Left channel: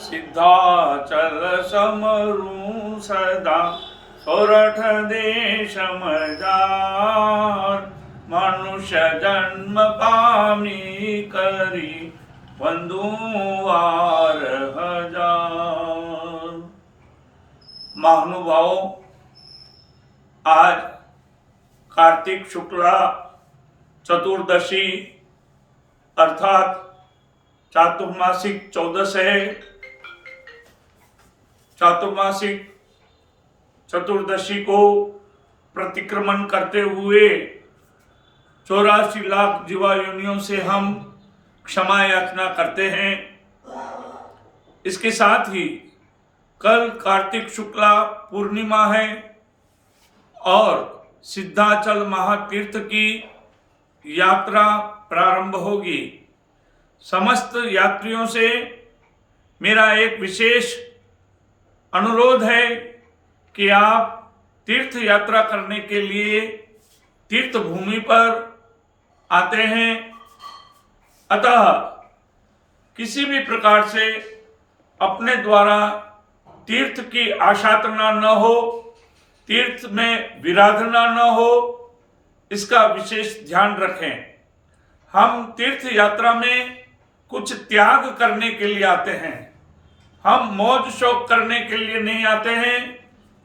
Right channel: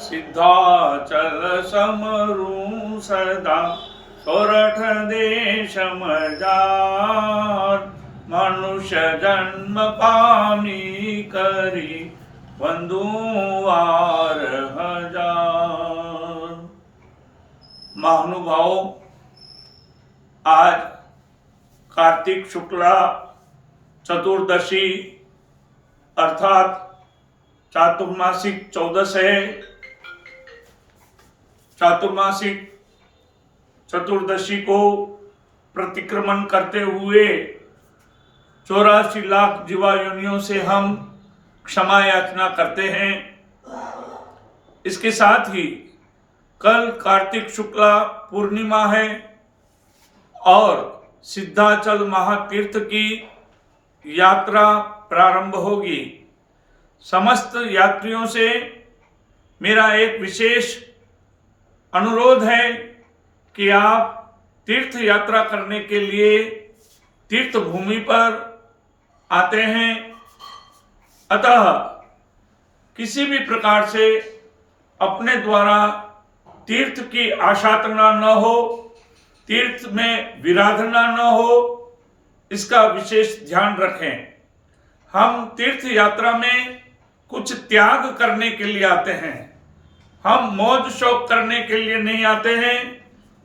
सिद्धाचल समरू सदा सोरठ देश मजार मनुष्य जन्म पामी करी वंदुवार हजार। महानुभावों, आज कार्तिक शुक्ला चतुर्दशी अर्थात चातुर्मासिक 14 है। चातुर्मासिक चतुर्दशी को प्रतिक्रमण करते हुए 84 लाख जीवा योनियों से हम क्षमा याचना करते हैं। इसके साथ ही कल कार्तिक शुक्ला पूर्णिमा है और सिद्धाचल महातीर्थ की यात्रा प्रारंभ होगी। समस्त यात्रियों से मेरा एक विशेष अनुरोध है कि आप तीर्थ यात्रा करने के लिए तीर्थ भूमि पर आते हैं, अतः किसी भी प्रकार से अपने द्वारा तीर्थ की आशातना न हो, तीर्थ में विराधना न हो, इसका विशेष ध्यान रखें। हम तीर्थ यात्रा में कुछ त्याग करने के लिए आते हैं, हम मौज शौक करने के लिए नहीं आते हैं।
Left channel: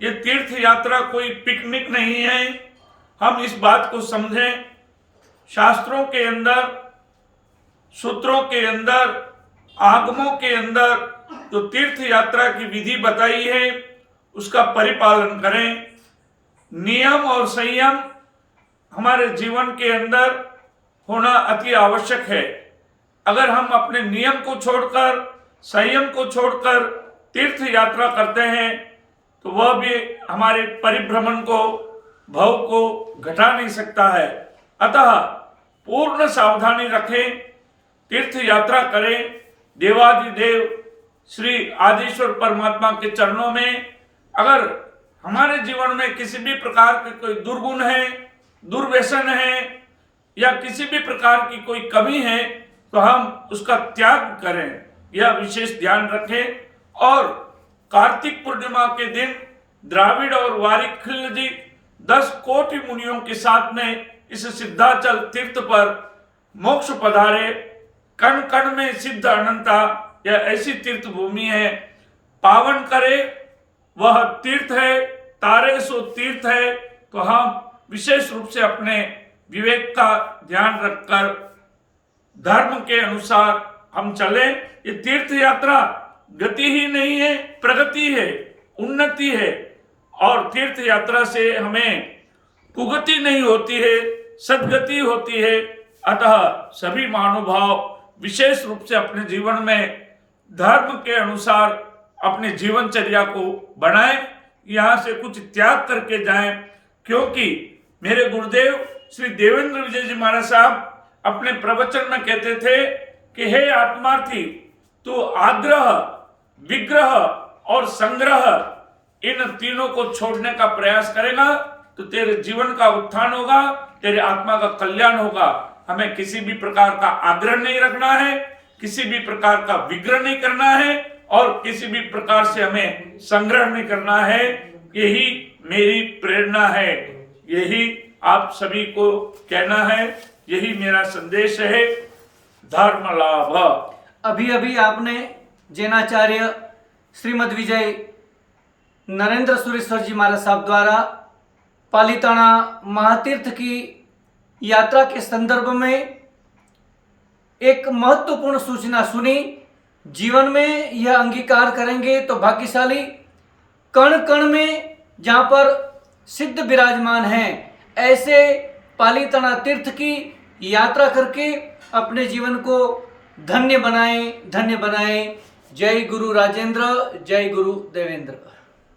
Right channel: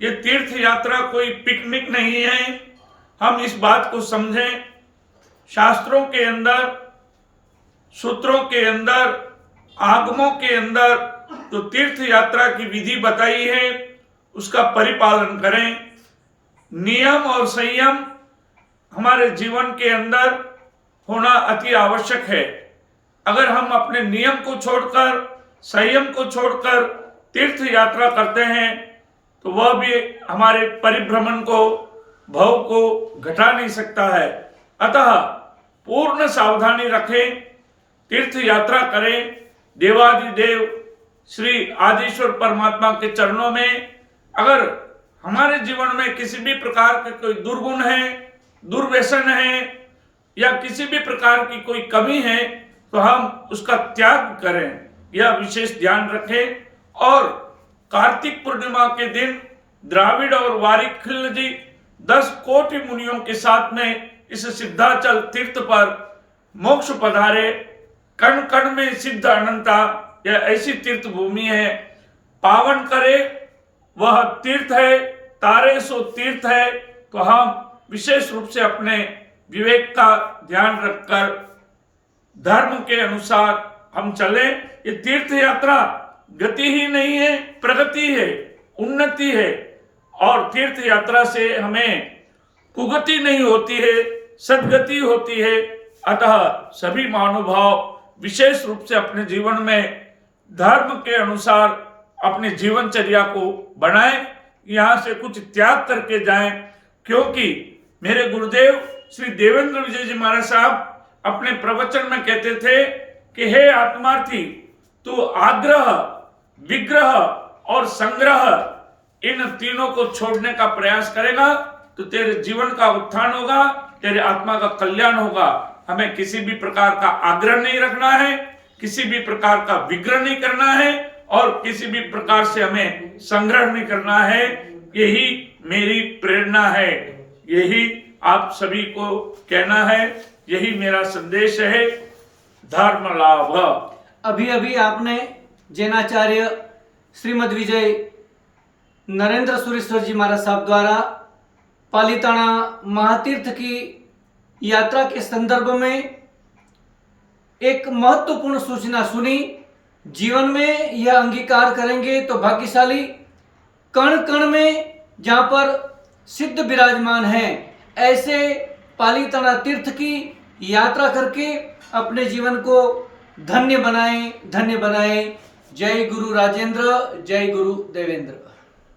ये तीर्थ यात्रा कोई पिकनिक नहीं है। हम इस बात को समझें। शास्त्रों के अंदर, सूत्रों के अंदर, आगमों के अंदर जो तीर्थ यात्रा की विधि बताई है उसका परिपालन करें। नियम और संयम हमारे जीवन के अंदर होना अति आवश्यक है। अगर हम अपने नियम को छोड़कर, संयम को छोड़कर तीर्थ यात्रा करते हैं तो वह भी हमारे परिभ्रमण को, भव को घटा नहीं सकता है। अतः पूर्ण सावधानी रखें, तीर्थ यात्रा करें। देवादिदेव श्री आदिश्वर परमात्मा के चरणों में अगर हमारे जीवन में किसी भी प्रकार के कोई दुर्गुण है, दुर्व्यसन है या किसी भी प्रकार की कोई कमी है तो हम उसका त्याग करें, यह विशेष ध्यान रखें। और कार्तिक पूर्णिमा के दिन द्राविड़ और वारिखिल्य जी 10 कोटि मुनियों के साथ में इस सिद्धाचल तीर्थ पर मोक्ष पधारे। कण कण में सिद्ध अनंता, यह ऐसी तीर्थ भूमि है। पावन करे वह तीर्थ है, तारे सो तीर्थ है। तो हम विशेष रूप से अपने विवेक का ध्यान रखकर धर्म के अनुसार हम चले। ये तीर्थ यात्रा गति ही नहीं है, प्रगति है, उन्नति है। और तीर्थ यात्रा से हमें कुगति नहीं होती है, सद्गति होती है। अतः सभी महानुभाव विशेष रूप से अपने जीवन में धर्म के अनुसार अपने जीवनचर्या को बनाएं, यहाँ से कुछ त्याग करके जाएं। क्योंकि मेरे गुरुदेव श्री देवेंद्र विजय जी महाराज साहब अपने प्रवचन में कहते थे कि हे आत्मार्थी, तू आग्रह, विग्रह और संग्रह इन तीनों को छोड़ने का प्रयास करेगा तो तेरे जीवन का उत्थान होगा, तेरे आत्मा का कल्याण होगा। हमें किसी भी प्रकार का आग्रह नहीं रखना है, किसी भी प्रकार का विग्रह नहीं करना है और किसी भी प्रकार से हमें संग्रह नहीं करना है। यही मेरी प्रेरणा है, यही आप सभी को कहना है, यही मेरा संदेश है। धर्म लाभ। अभी अभी आपने जैनाचार्य श्रीमद विजय नरेंद्र सुरेश्वर जी महाराज साहब द्वारा पालिताना महातीर्थ की यात्रा के संदर्भ में एक महत्वपूर्ण सूचना सुनी। जीवन में यह अंगीकार करेंगे तो भाग्यशाली। कण कण में जहाँ पर सिद्ध विराजमान हैं, ऐसे पालिताना तीर्थ की यात्रा करके अपने जीवन को धन्य बनाएं, धन्य बनाएं। जय गुरु राजेंद्र, जय गुरु देवेंद्र।